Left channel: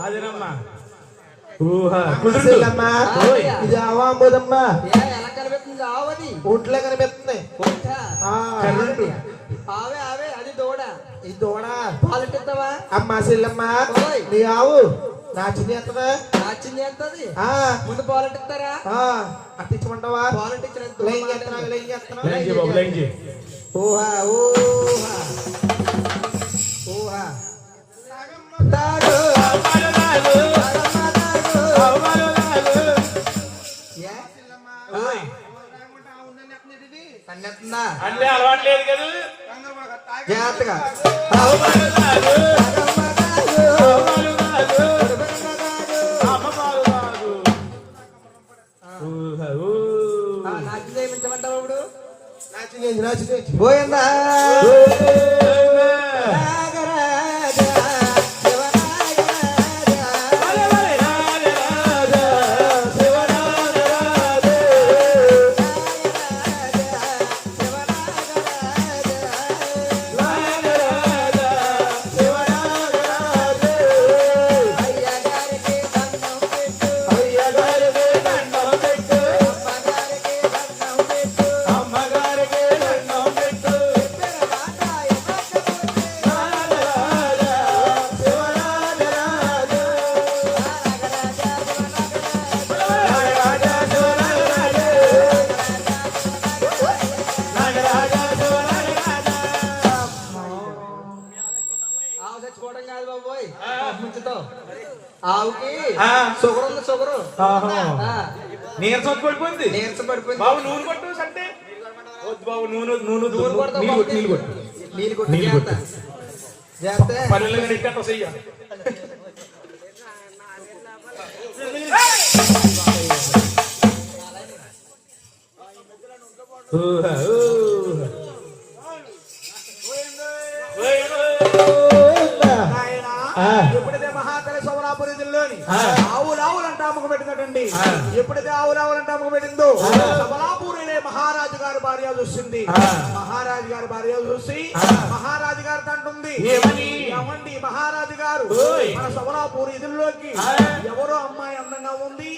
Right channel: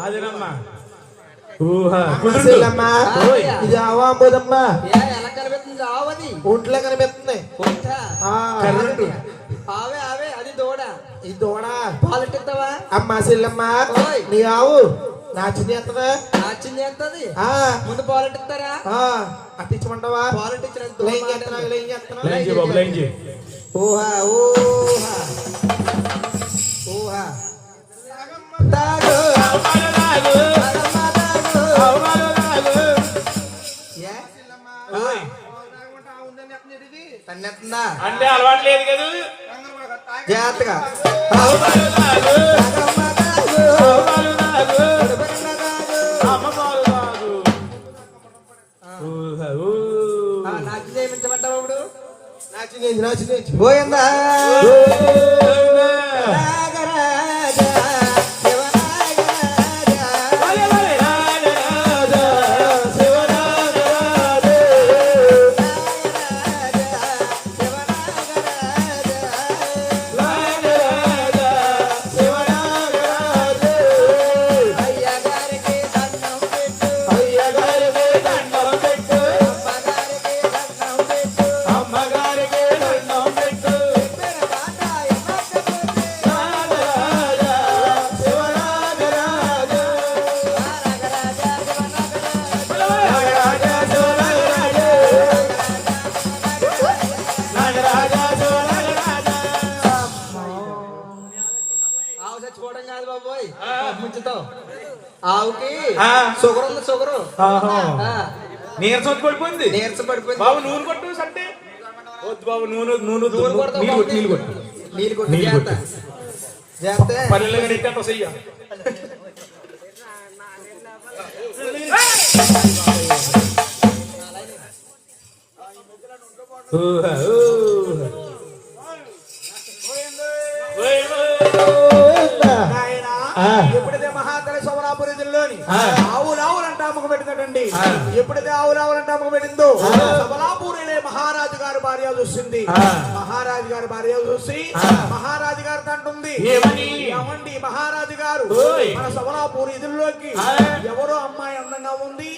అదేనమ్మా ఇది ఆవాంబోదమ్మా ఎలా కనిపిస్తుంది ఆవది ఒంట్లో కనిపిస్తుంది ఆవే ఆవే అది దూడ ఈ దూడ పాలెట్టిస్తావా అమ్మా చెల్లమ్మ నీ ఆవు నాచింది ఎత్తదా నాచింది ఎంతది ముందు పాలెట్టిస్తారా అట్టించమంటావా పాలెట్టించిన ఊహా ఊహా ఊహా అంటే అలవాటు లేదు కదా జాగ్రత్తగా నాచిందేమించమంటావు ఇప్పుడు నాచింది పోయిందా చచ్చిపోవడం కాదు బాబోయ్ ముంచుతావు ఆవుకి షుగర్ ఉంది షుగర్ నీరసం పడిపోయింది నీరసం పడిపోయింది బాబు నూనె కొట్టు అంటే వద్దు బాబు నూనె నూనె నీళ్ళు కొట్టు జాగ్రత్త జాగ్రత్త పల్లెలు కానీ ఇక్కడ చెయ్య ఎప్పుడైతే మహాతల సోమలాపురి జిల్లాలోని ఆవులావులంటే అమ్మకు పెట్టిందండి ఎప్పుడైతే ఆవులావులంటే అమ్మకు పెట్టిందో సోమలాపురిలో మహారాజు గారి భార్య చూసింది మహారాజు గారి భార్య చూసి మహారాజు గారికి అంటుంది ఏమండి మహారాజు గారు మన సోమలాపురి ఇదుల్లోకి ఎవరో అమ్మాయి అందంగా ఉంది